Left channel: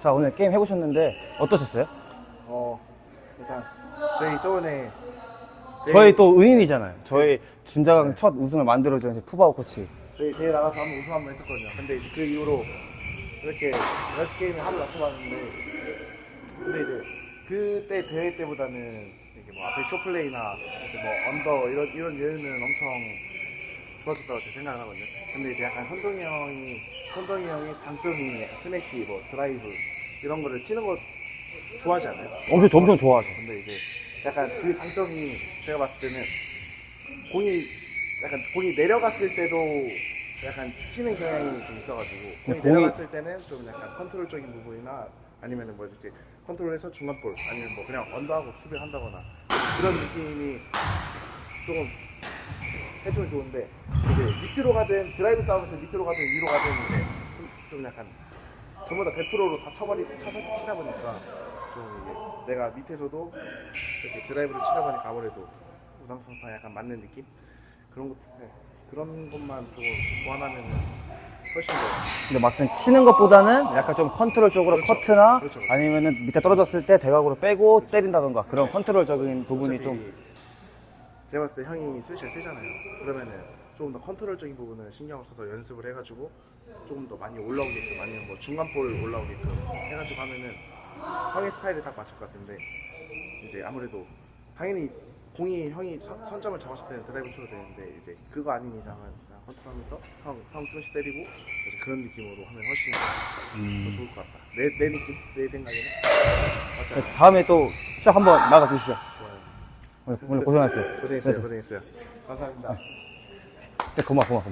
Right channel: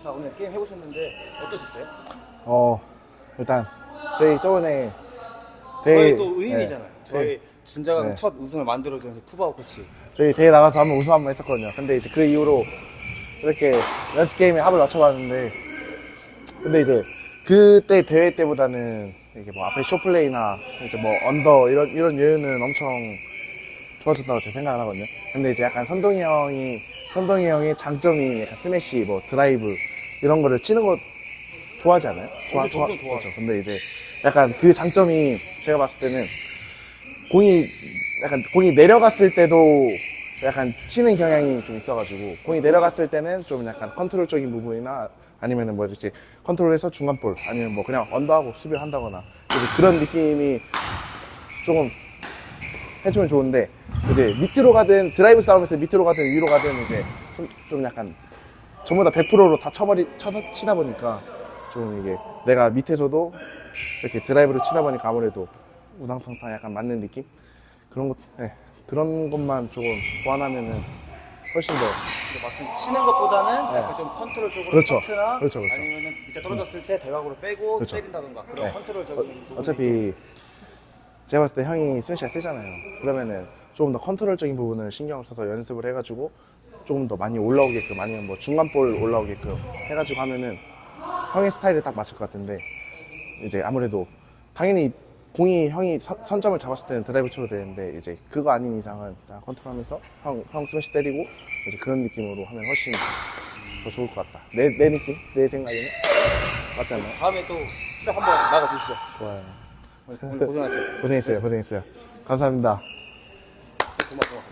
자, 오늘 게임 해보셨는데 어떠셨어요? 일단 저희 저번에 저희 또 은인이잖아요. 네. 저희 준자강 네. 첫 우승을 만들어준 푸바오 코치. 저희 대회 나가서 한번 우승 한번 했었거든요. 근데 이제 그 이후로 이렇게 연습 게임에 합을 맞춰봤는데, 근데 이제 그때 대회 때보다는 이게 뭐 앞에 쇼플레이나 이제 뭐 언더 이런 여유는 엄청 좋아졌다고 제 생각을 하거든요. 근데 이제 약간 선동이 형의 장점이 약간 스매시, 뭐 드라이브 이런 거를 치는 거 좋아하지 않아요? 엄청 좋아하죠. 근데 이제 약간 그 장점이 제가 봤을 때는 공이 내려갔을 때도 약간 치는 경향이 좀 있어가지고, 공이 내려갔을 때는 좀 약간 컨트롤적인 부분이나 아니면은 뭐 이렇게 컨트롤해서 중간볼 아니면 뭐 그냥 언더하고 수비를 한다거나 그런 느낌이 조금 해주면 좋은데, 이제 밑으로 가든 드라이브 싸움에서 밑으로 가든 위로 가든 이제 좀 약간 전부 다 100%로 다 치다 보니까 좀 이게 내가 밑에서도 이렇게 드라이브를 치다 보니까 아무래도 우당탕탕 약간 맞는 느낌? 그런 것만 조금 보완하면은 훨씬 더. 근데 막상 치는 것보다는 약간 좀 컨트롤 쪽으로 그렇죠. 커트나 그렇죠. 아니면은 밑에 떨어졌을 때 대각으로 빼고 그렇죠. 때린다던가 그런 네. 컨트롤적인 부분이 좀. 어차피 제가 봤을 때 형이 스매시가 세잖아요. 그러면은 조금 더 컨트롤적인 부분을 신경을 써서 연습을 해가지고 조금 더 많이 올라오게끔, 아니면 뭐 중간볼 올라오게끔 해가지고 하면은 형의 스타일에 딱 맞을 것 같은데, 이제 아무래도 당연히 공이 형이 선점을 잡았을 때는 드라이브 쳐도 되는데, 이제 그거 아닌 이상은 컨트롤하면서 형 스매시 때리고 이제 그런 느낌으로 하면 훨씬 더 좋을 것 같다. 내 느낌? 내 생각에는 맞지 않나요? 다음에 또 시작 한번 나가주시죠. 좋아요. 오늘 고생하셨어요. 고생했어요. 감사합니다. 고마워.